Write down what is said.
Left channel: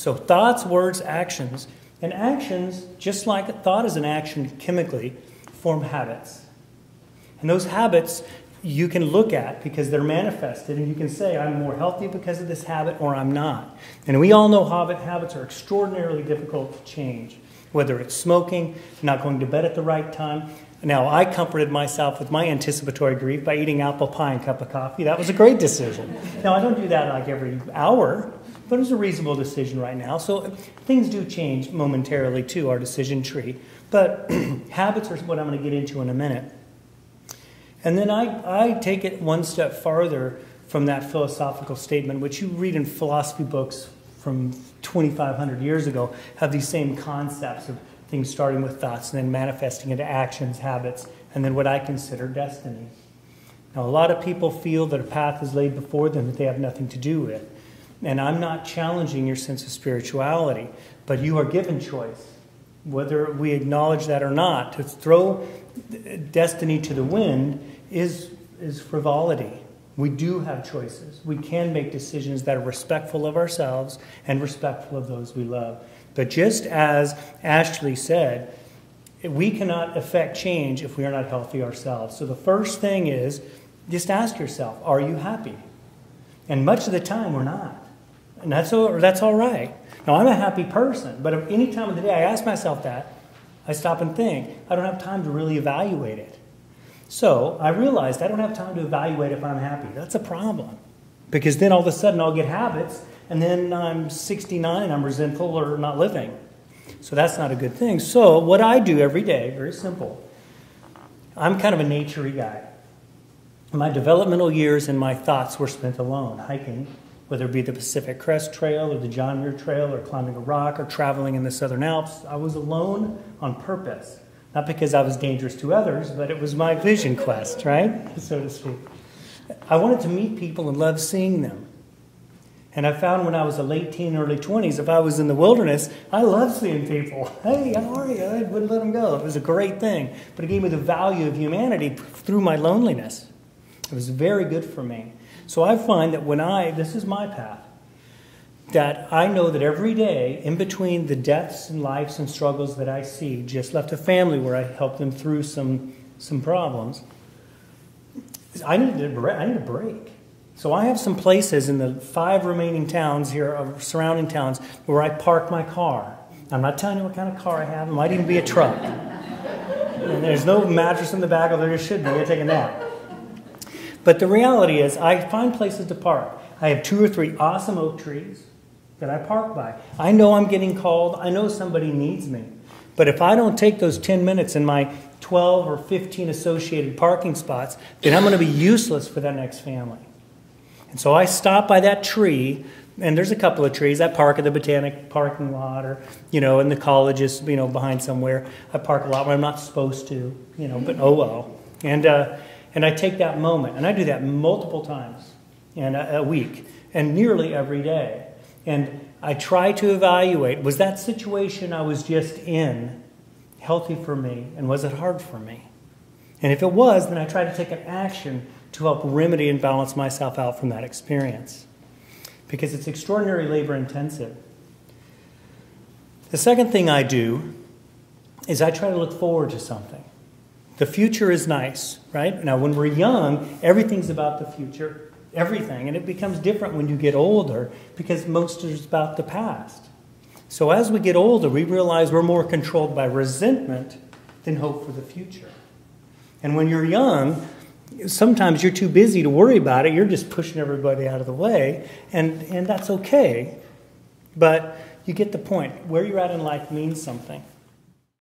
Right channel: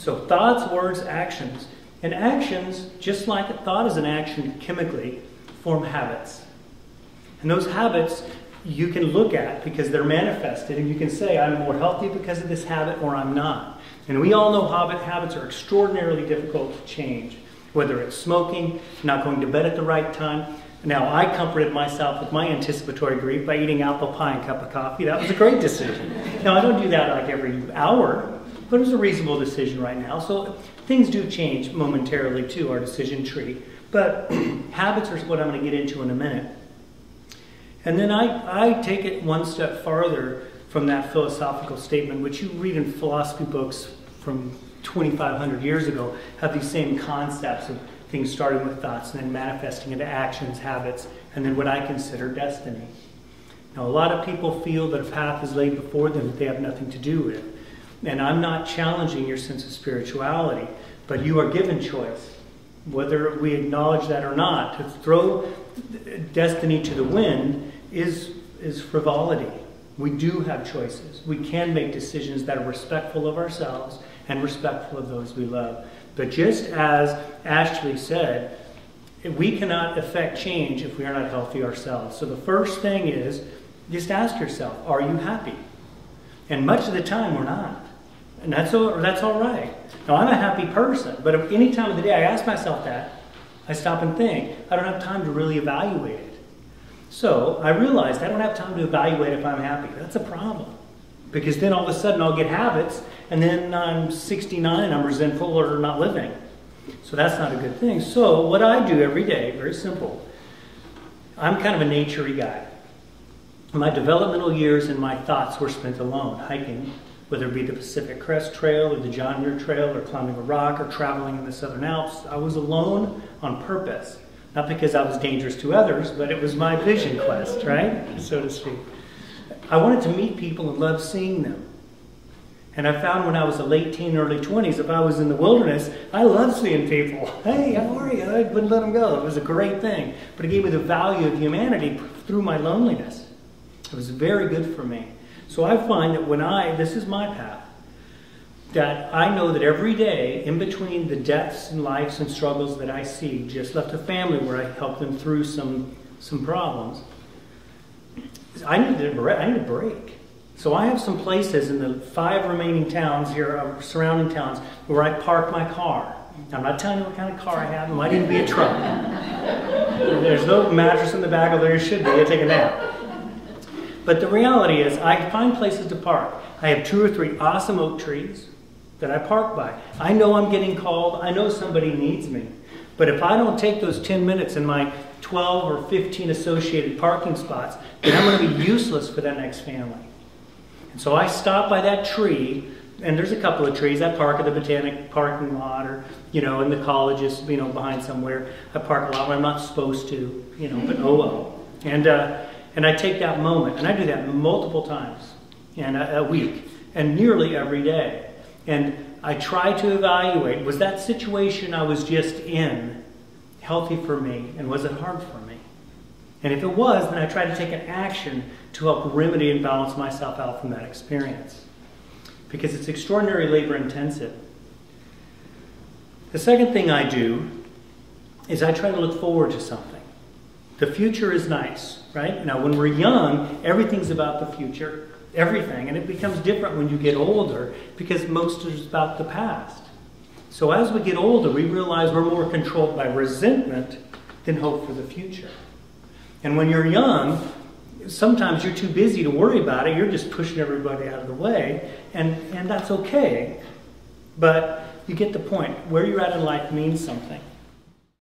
So thoughts, words, actions. And actions, just like thought is an action chemically, form habits. And those habits you can look at because they're manifested, and you can say, I'm more healthy because of this habit, or I'm not. And we all know habits are extraordinarily difficult to change, whether it's smoking, not going to bed at the right time. Now, I comforted myself with my anticipatory grief by eating apple pie and a cup of coffee. That was a great decision. Now, I don't do that like every hour, but it was a reasonable decision right now. So things do change momentarily too, our decision tree. But habits are what I'm going to get into in a minute. And then I take it one step farther from that philosophical statement, which you read in philosophy books from 2,500 years ago, have these same concepts of things starting with thoughts and then manifesting into actions, habits, and then what I consider destiny. Now, a lot of people feel that a path is laid before them that they have nothing to do with. And I'm not challenging your sense of spirituality, but you are given choice, whether we acknowledge that or not. To throw destiny to the wind is frivolity. We do have choices. We can make decisions that are respectful of ourselves and respectful of those we love. But just as Ashley said, we cannot affect change if we are not healthy ourselves. So the first thing is, just ask yourself, are you happy? And much of the time we're not. And that's all right. Now, I'm a happy person, but at any time of the day I ask myself that, I stop and think, I don't have time to really evaluate it. So I realized I don't have time to evaluate if I'm happy. That's a problem. Because then all of a sudden I'll get habits, and then I'm 69, I'm resentful or not living. So that's not a good thing. So what I do every day, very simple, I'm kind of a nature-y guy. My developmental years and my thoughts were spent alone, hiking, whether it be the Pacific Crest Trail or the John Muir Trail or climbing a rock or traveling in the Southern Alps. I was alone on purpose. Not because I was dangerous to others, but it was my vision quest, right? So to speak. I wanted to meet people and love seeing them. And I found when I was a late teen, early 20s, if I was in the wilderness, I loved seeing people. Hey, how are you? I wouldn't let them go. It was a great thing. But it gave me the value of humanity through my loneliness. It was very good for me. So I find that this is my path, that I know that every day, in between the deaths and lives and struggles that I see, just left a family where I helped them through some problems, I need a break. So I have some places in the 5 remaining towns here, surrounding towns, where I park my car. I'm not telling you what kind of car I have. It might even be a truck. There's no mattress in the back, although there should be. I take a nap. But the reality is, I find places to park. I have 2 or 3 awesome oak trees that I park by. I know I'm getting called. I know somebody needs me. But if I don't take those 10 minutes in my 12 or 15 associated parking spots, then I'm going to be useless for that next family. And so I stop by that tree, and there's a couple of trees. I park at the Botanic parking lot, or, in the colleges, behind somewhere. I park a lot when I'm not supposed to, but oh well. And I take that moment, and I do that multiple times in a week, and nearly every day. And I try to evaluate, was that situation I was just in healthy for me, and was it hard for me? And if it was, then I try to take an action to help remedy and balance myself out from that experience. Because it's extraordinary labor intensive. The second thing I do is I try to look forward to something. The future is nice, right? Now, when we're young, everything's about the future, everything. And it becomes different when you get older because most is about the past. So as we get older, we realize we're more controlled by resentment than hope for the future. And when you're young, sometimes you're too busy to worry about it. You're just pushing everybody out of the way, and that's okay. But you get the point. Where you're at in life means something.